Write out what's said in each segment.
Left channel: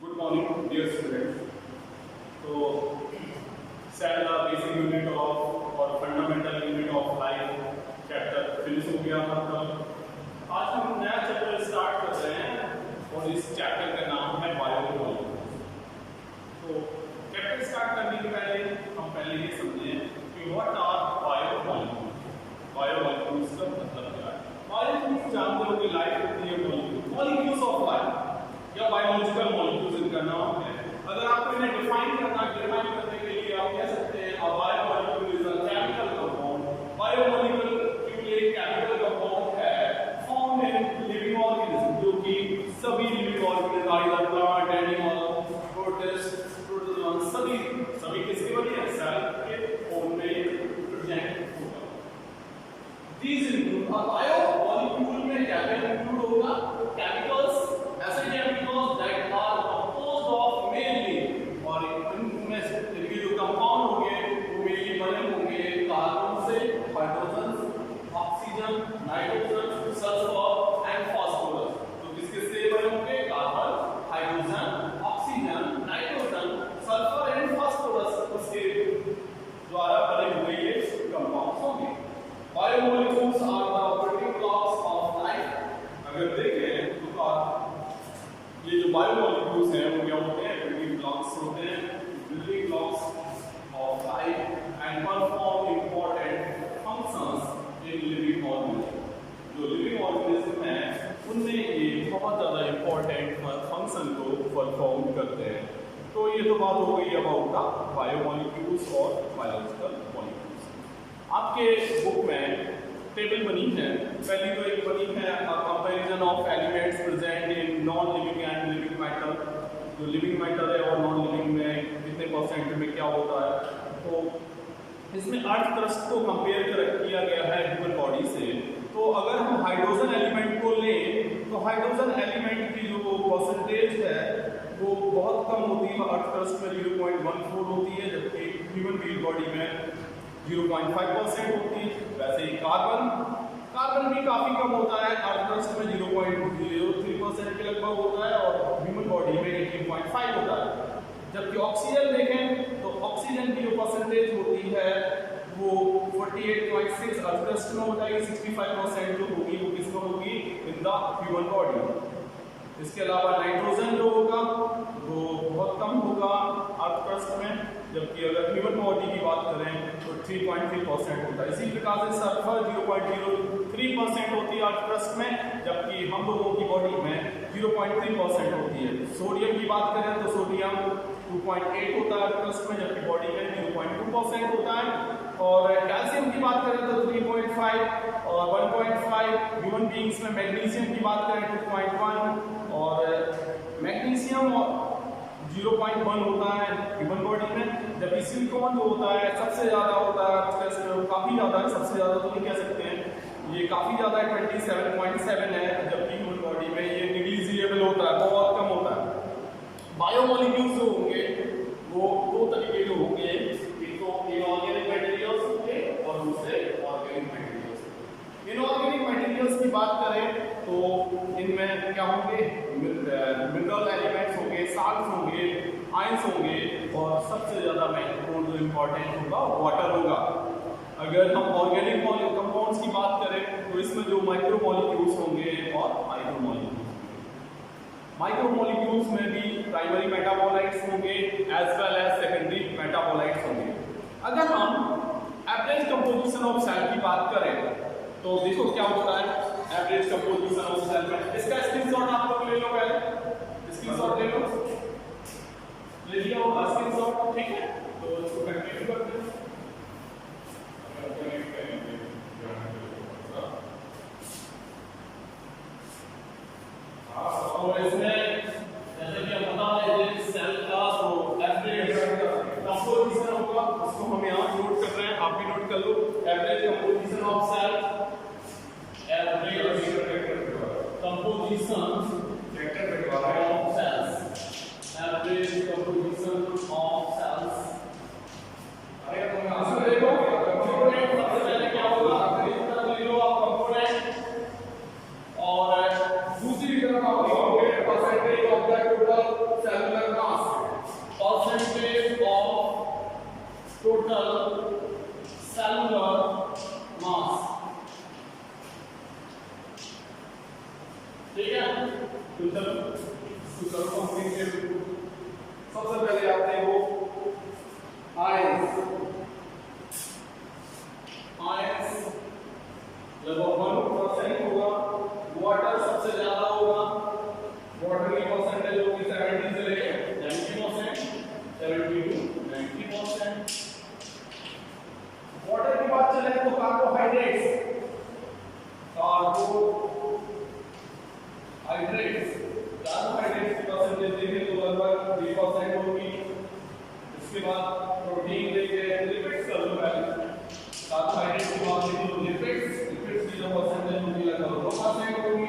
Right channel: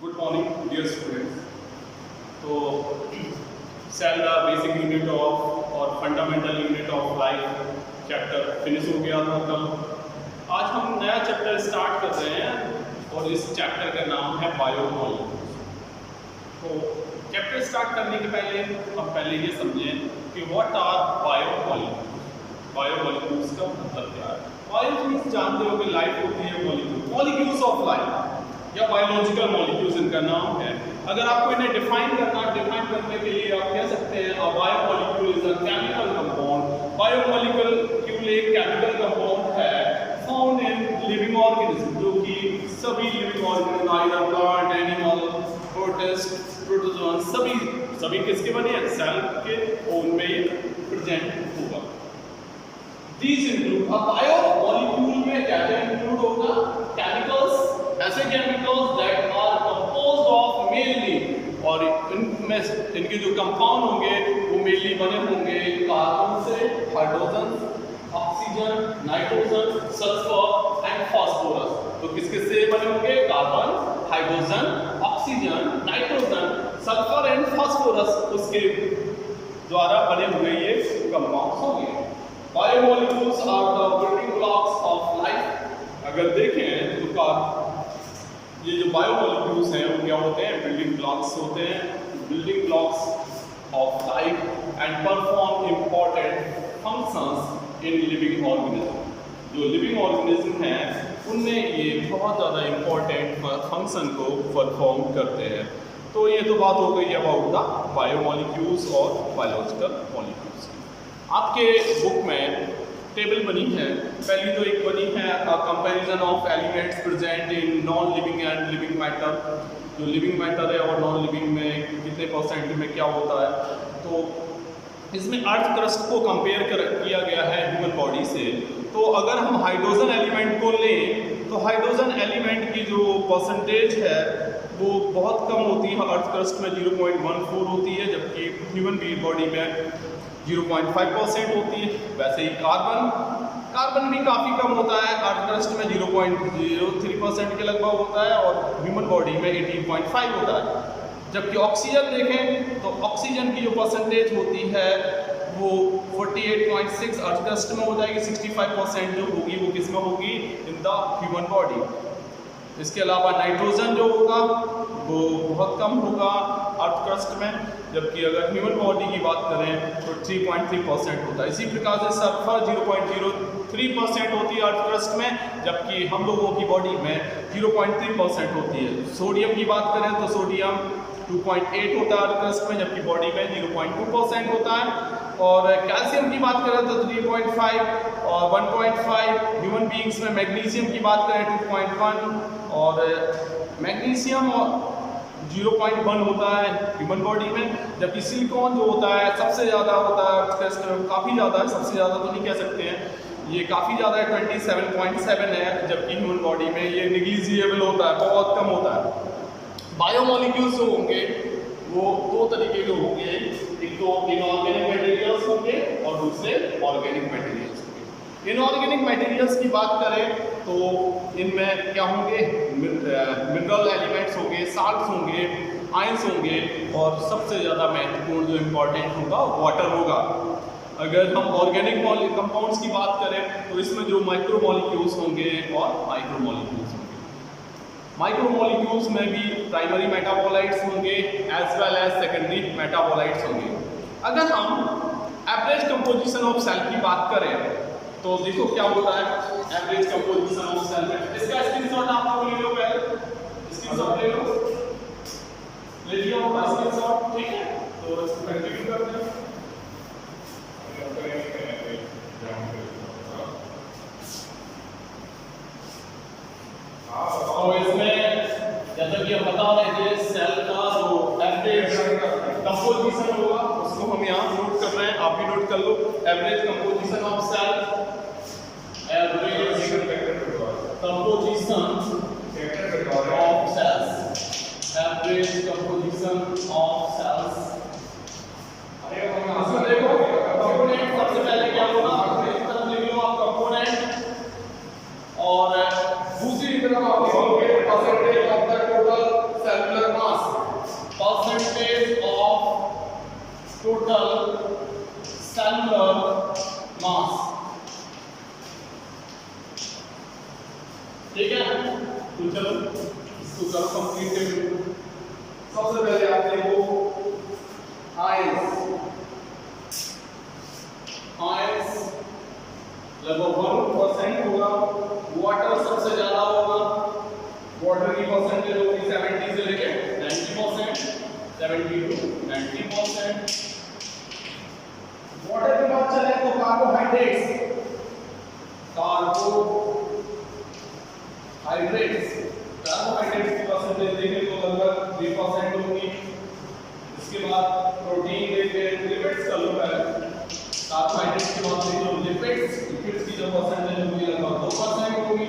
Good morning, dear students. तो cell the basic unit of और fundamental unit of life chapter finish हो गया था कल। आज हम नया चैप्टर स्टार्ट कर रहे हैं और इस चैप्टर का नाम है बायोमॉलिक्यूल्स। तो चैप्टर स्टार्ट करने के पहले हम पहले ये समझें कि व्हाट आर बायोमॉलिक्यूल्स। बायोमॉलिक्यूल्स का मतलब क्या है? बायोमॉलिक्यूल्स जानते हो कि लाइफ होती है मॉलिक्यूल्स ऑफ लाइफ या बायोलॉजिकल मॉलिक्यूल्स इनका नाम है। अगर आपको इन्हें डिफाइन करने के लिए आप कह सकते हैं a biomolecule is a chemical compound. Biomolecule एक केमिकल कंपाउंड है फाउंड इन लिविंग ऑर्गेनिज्म, जो कि सभी living organism either plant, animal, protist, protozoa सभी किसके बने हैं? सेल के, उनमें ये प्रेजेंट होगा। These include a बायोमॉलिक्यूल में क्या क्या इंक्लूड होगा? केमिकल्स, ऐसे chemicals that are composed of mainly, और इनमें इनके जो कंपाउंड होंगे वो मेनली बने होंगे कार्बन से, hydrogen, oxygen, nitrogen, sulphur and phosphorus. तो किस किस से बने होंगे? Carbon, hydrogen, oxygen, nitrogen, sulphur and phosphorus, उसके द्वारा बने हुए ये कंपाउंड्स होंगे। Biomolecules are the building blocks of life. अगर देखें तो ये जो बायोमॉलिक्यूल्स हैं वो क्या होते हैं? बिल्डिंग ब्लॉक्स होते हैं, building blocks of life and perform important functions in living organism. जो लिविंग ऑर्गेनिज्म हैं उनमें ये बहुत ज़्यादा इंपॉर्टेंट फंक्शन को परफॉर्म करते हैं। तो ये तो बात हो गई अबाउट द बायोमॉलिक्यूल्स और बायोलॉजिकल मॉलिक्यूल्स। आपके बुक में टेबल बनी है, पहली तो एक बनी है comparison of elements present in non living and living matter. जो लिविंग मैटर है और नॉन लिविंग में कितने परसेंट में क्या होता है। तो इसमें अर्थ क्रस्ट को कंपेयर किया गया है ह्यूमन बॉडी से। तो अगर हम हाइड्रोजन एलिमेंट को लें तो हाइड्रोजन एलिमेंट की जो परसेंटेज है वो बहुत कम होती है, अर्थ क्रस्ट में 0.14 होती है, जबकि ह्यूमन बॉडी में 0.5% होती है। वैसे ही कार्बन भी काफ़ी कम होता है, अर्थ क्रस्ट में 0.03% के लगभग होता है और ह्यूमन बॉडी में 18.5 होता है। जबकि ऑक्सीजन देखें तो ऑक्सीजन की जो परसेंटेज होती है वो 48.6 अर्थ क्रस्ट में हो जाएगी, 65% जो होगी वो किस में होगी? In the human body. इसके अलावा नाइट्रोजन जो होगा वो बहुत कम होगा अर्थ क्रस्ट में, जबकि अगर ह्यूमन बॉडी की बात करें तो 3.3% होता है। इसी प्रकार से सल्फर 0.03% होती है अर्थ क्रस्ट में, जबकि हम लोगों की बॉडी में 0.3% होती है। सोडियम की बात करें तो सोडियम 2.8 होता है अर्थ क्रस्ट में, जबकि बॉडी में 0.2% होता है। और कैल्शियम की बात करें तो 3.5 और 1.5। ह्यूमन बीइंग्स में मैग्नीशियम की बात करें 2.1 और मैग्नीशियम 0.1 होता है ह्यूमन बॉडी में, जबकि सिलिकॉन जो होता है सबसे ज़्यादा होता है, काफ़ी ज़्यादा है, सबसे ज़्यादा तो नहीं कह सकते हैं, ये काफ़ी ज़्यादा है, 27.7 है, जबकि ह्यूमन बॉडी में ये निग्लिजिएबल होता है, बहुत कम होता है। बायोमॉलिक्यूल्स जो होंगे वो दो तरीके के होंगे, एक तो इनऑर्गेनिक मटेरियल्स होंगे और दूसरे ऑर्गेनिक मटेरियल्स होंगे। इनऑर्गेनिक मटेरियल्स की बात करें तो इनमें क्या होंगे? मिनरल एलिमेंट्स होंगे, साल्ट्स होंगे, आयंस होंगे और सबसे ज़्यादा महत्वपूर्ण जो इम्पोर्टेंट होगा वाटर होगा। अगर हम ऑर्गेनिक कंपाउंड्स की बात करें तो इसमें जो माइक्रोमॉलिक्यूल्स होंगे और माइक्रोमॉलिक्यूल्स होंगे। माइक्रोमॉलिक्यूल्स में भी प्राइमरी मेटाबोलाइट्स होंगे as well as secondary metabolites होंगे। अगर हम एवरेज कंपोजिशन ऑफ सेल की बात करें तो देखो क्या होता है एवरेज कंपोजिशन ऑफ सेल में। इसका स्क्रीनशॉट आप लोग ले लो, पहले स्क्रीनशॉट ले लो, ले लिया होगा स्क्रीनशॉट, ठीक है? तो इसको कंटिन्यू करते हैं। तो इसमें जैसा कि हम बता रहे थे सेल का जो एवरेज कंपोजिशन होगा उसको हम यहाँ नोट कर रहे हैं, आप भी नोट कर लो। Average composition of cell, average composition of cells, average composition of cells. इसमें देखो कंपोनेंट सबसे पहले क्या होगा? एक तरफ लिख लो आप कंपोनेंट और दूसरी तरफ आप लिखोगे percentage of the total cellular total cellular mass. ठीक है, तो चलो इसको करो कंप्लीट। सबसे पहले आप देखो आयंस लगभग 1% होगा, वाटर सबसे ज्यादा होगा, वाटर की परसेंटेज होगी 70 से लेके 90%, 70 to 90%। वाटर की बात चले तो कार्बोहाइड्रेट्स की परसेंटेज देखें तो लगभग 3% होगी। इसके बाद प्रोटीन देखें, लिपिड्स का लो पहले। कार्बोहाइड्रेट्स की बात देखें तो लिपिड्स की जो परसेंटेज होगी लगभग 2% होगी,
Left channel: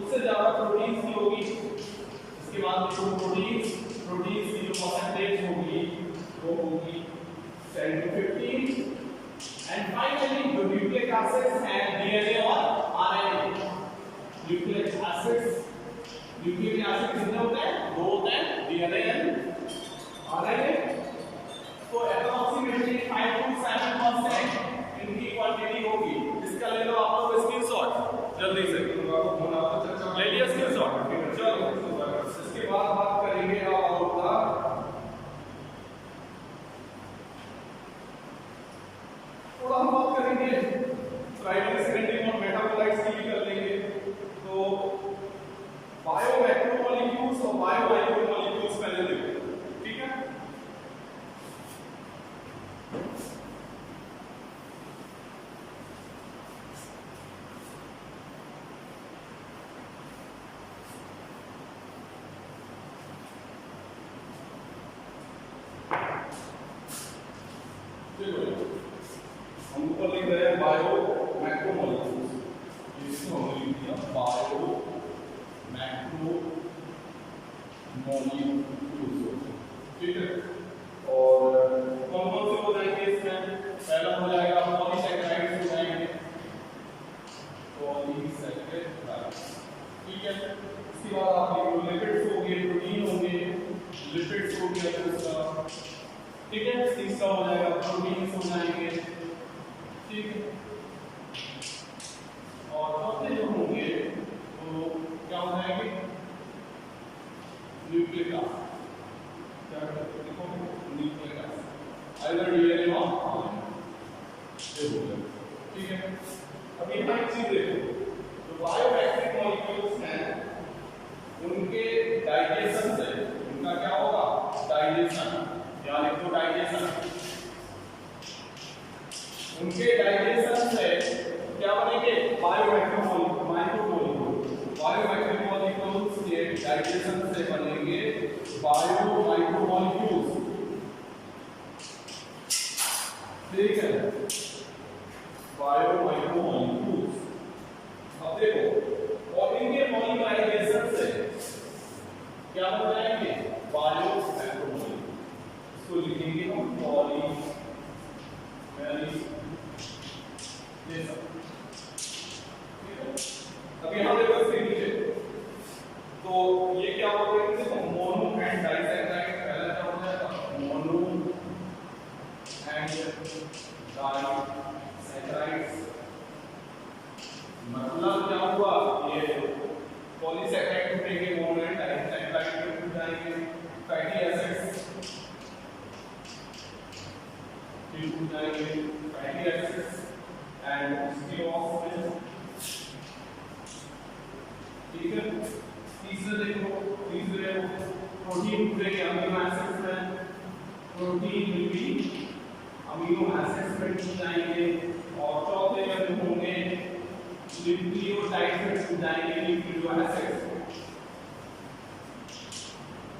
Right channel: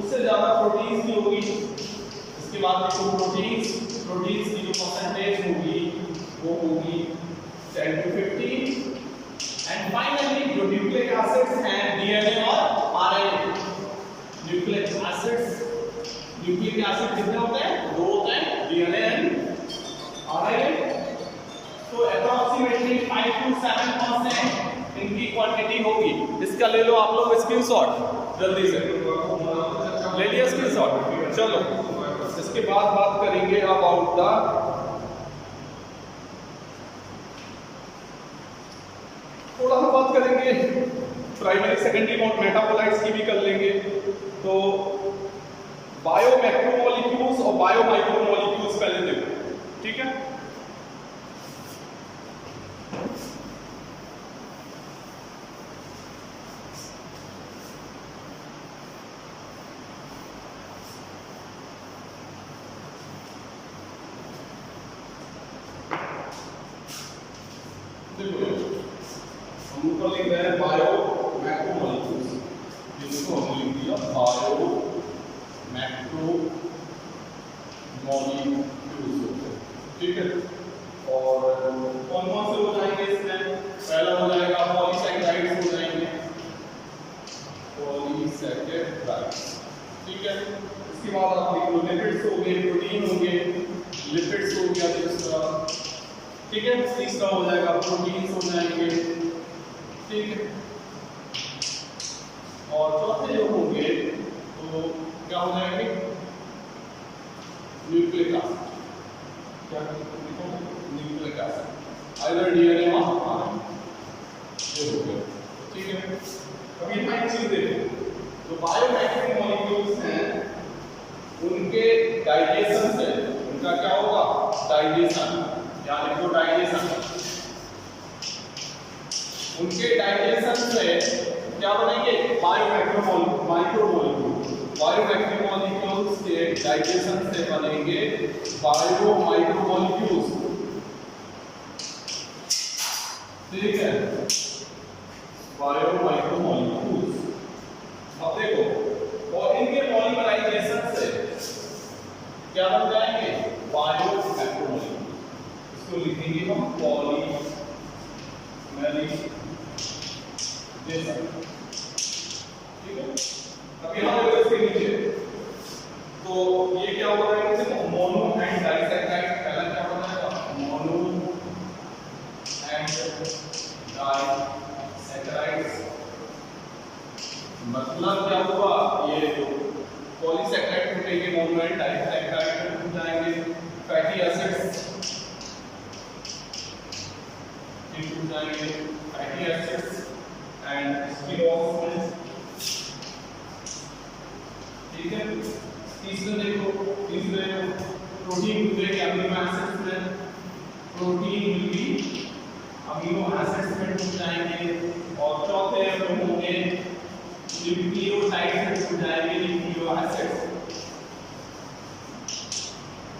उससे ज्यादा प्रोटीन्स की होगी। इसके बाद देखो प्रोटीन्स की जो परसेंटेज होगी वो होगी 10 to 15। एंड फाइनली जो न्यूक्लिक एसिड्स हैं डीएनए और आरएनए। न्यूक्लिक एसिड कितने होते हैं? 2 होते हैं, डीएनए एंड आरएनए। तो अप्रॉक्सीमेटली 5 to 7% इनकी क्वांटिटी होगी। इसका ले लो आप लोग स्क्रीनशॉट, जल्दी से ले लिया स्क्रीनशॉट। चलो इसके बाद बात करेंगे अबाउट थोड़ा सा बात करेंगे प्राइमरी सेकेंडरी मेटाबोलाइट्स की भी कर लेंगे। तो बायो मैक्रोमोलिक्यूल्स और बायो माइक्रोमोलिक्यूल्स पहले देखो, ठीक है। हम ऊपर लिख रहे हैं बायो मैक्रोमोलिक्यूल्स, जिसको हमने लिख दिया बायो मैक्रोमोलिक्यूल्स, ठीक है। और कौन कौन से हो जाएंगे इसमें? पहला हो जाएगा पॉलीसैकेराइड्स हो जाएंगे, पॉलीसैकेराइड्स, ठीक है। इसके बाद आप लिख लो लिपिड्स हो गए, प्रोटीन हो गए, लिपिड्स हो गया दूसरा, ठीक है। तीसरा हो जाएगा प्रोटीन्स हो जाएंगे, ठीक है। और चौथे जो होंगे तो क्या हो जाएंगे? न्यूक्लिक एसिड, क्या लिखो? न्यूक्लिक एसिड, आइदर डीएनए और आरएनए, ये हो गया, ठीक है। अब यहाँ एक चीज देखो, जो बायोमैक्रोमोलिक्यूल्स हैं उनके डाइजेशन से, उनका क्या होगा? डाइजेशन, यानी तो डाइजेशन, उनके डाइजेशन से क्या बनेंगे? बायोमैक्रोमोलिक्यूल्स के डाइजेशन से बनेंगे बायोमाइक्रोमोलिक्यूल्स, ठीक है, बायोमाइक्रोमोलिक्यूल्स। अब देखो, और इनके पॉलीमराइजेशन से क्या बन जाएंगे? बायोमैक्रोमोलिक्यूल्स। इसको लिखेंगे हम पॉलीमराइजेशन, ठीक है। अब यहाँ देखो इसके नीचे, तो ये क्या हो रहा है? देखो मोनो एंड डाइसैकेराइड, पहला क्या हो जाएगा? मोनो एंड डाइसैकेराइड्स, मतलब क्या हुआ? ये पॉलीसैकेराइड टूटेंगे, मोनो एंड डाइसैकेराइड टूट जाएंगे, फैटी एसिड्स टूट जाएंगे, फैटी एसिड्स एंड स्टिरोसिस, ठीक है। तीसरे देखो प्रोटीन टूटेंगे अमीनो एसिड्स में, protein will be amino acids में टूट जाएंगे। और चौथे जो होंगे न्यूक्लियोटाइड में टूट जाएंगे, न्यूक्लियो एसिड्स,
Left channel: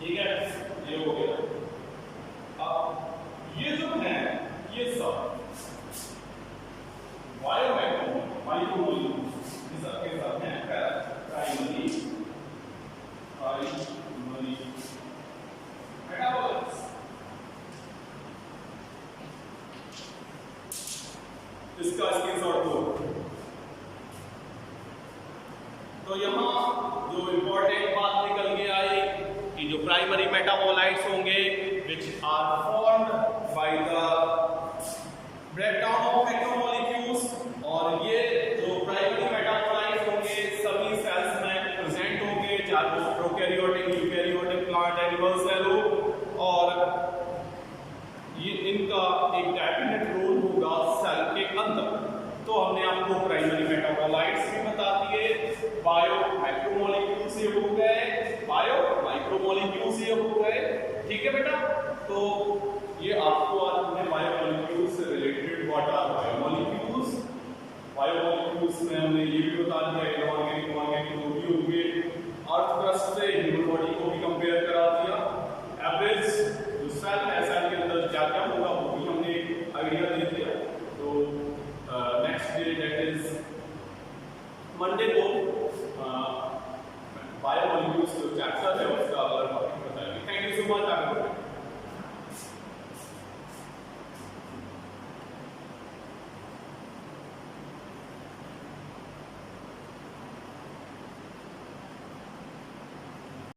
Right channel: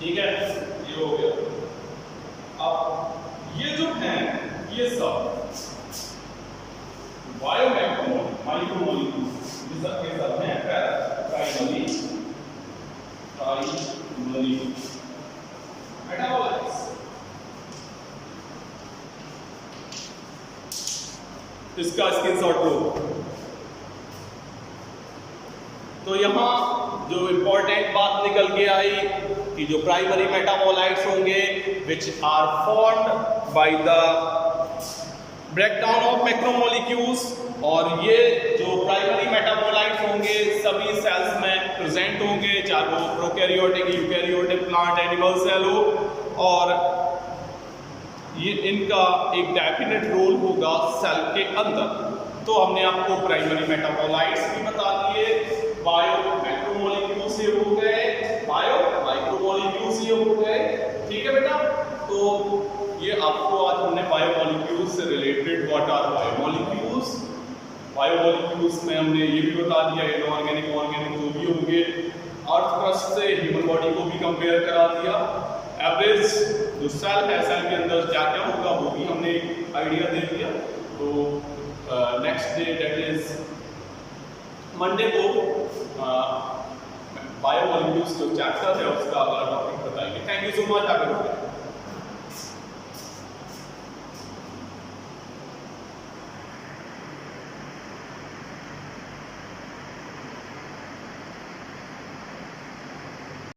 ठीक है। ये हो गया। अब ये जो है ये सब बायोमैक्रोमोलिक्यूल्स जिसके सब हैं प्राइमरी मेटाबोलाइट्स। इसका स्क्रीनशॉट लो। तो यहाँ जो इंपॉर्टेंट बात निकल के आई कि जो प्राइमरी मेटाबोलाइट्स होंगे which are formed by the breakdown of macromolecules, और ये जो प्राइमरी मेटाबोलाइट्स होंगे सभी सेल्स में प्रेजेंट होंगे, चाहे वो prokaryotic, eukaryotic, plant, animal cell हो, और ये इनका एक डेफिनेट रोल होगा सेल के अंदर। तो हमने आपको प्राइमरी मेटाबोलाइट्स भी बता दिए, बायो मैक्रोमोलिक्यूल से हो गए, बायो माइक्रोमोलिक्यूल से हो गए, ठीक है बेटा। तो ये आपको आज हमने बायोमोलिक्यूल्स से related what are biomolecules, biomolecules में हमने ये भी बता दिया इनऑर्गेनिक ऑर्गेनिक जो भी होंगे, अर्थ क्रस्ट से ह्यूमन बॉडी को भी कंपेयर करा दिया, एवरेज जो सेल है सेल के अंदर क्या क्या होगा वो भी हमने एक आइडिया दे दिया। तो next day date is Monday को बायोमोलिक्यूल्स जो चैप्टर है उसका अगला टॉपिक बताएंगे। Thank you so much.